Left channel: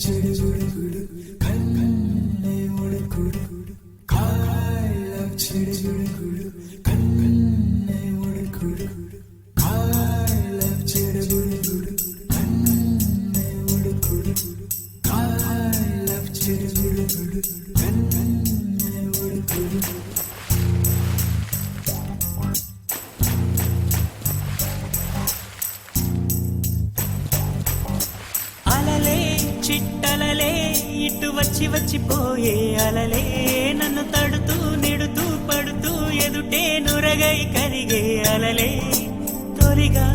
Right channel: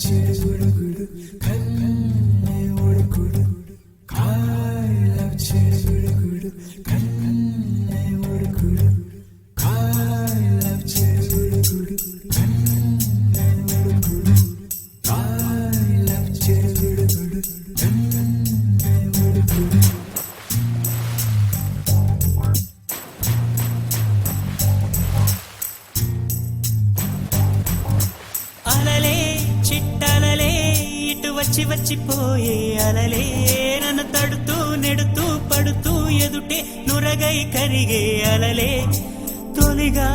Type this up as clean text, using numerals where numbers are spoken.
చిడుగుడు కన్నే ఉడుకుడు I love చిడుగుడు కన్నే ఉడుకుడు I love చిడుగుడు కన్నే ఉడుకుడు I love చిడుగుడు కన్నే ఉడుకుడు చిట్టలలే ఇటు వచ్చి వచ్చిపోయే అలలే నన్ను తడుతూ నెడుతూ పడుతూ ఎదుటే నురగై కరిగే అలలే తొలిగా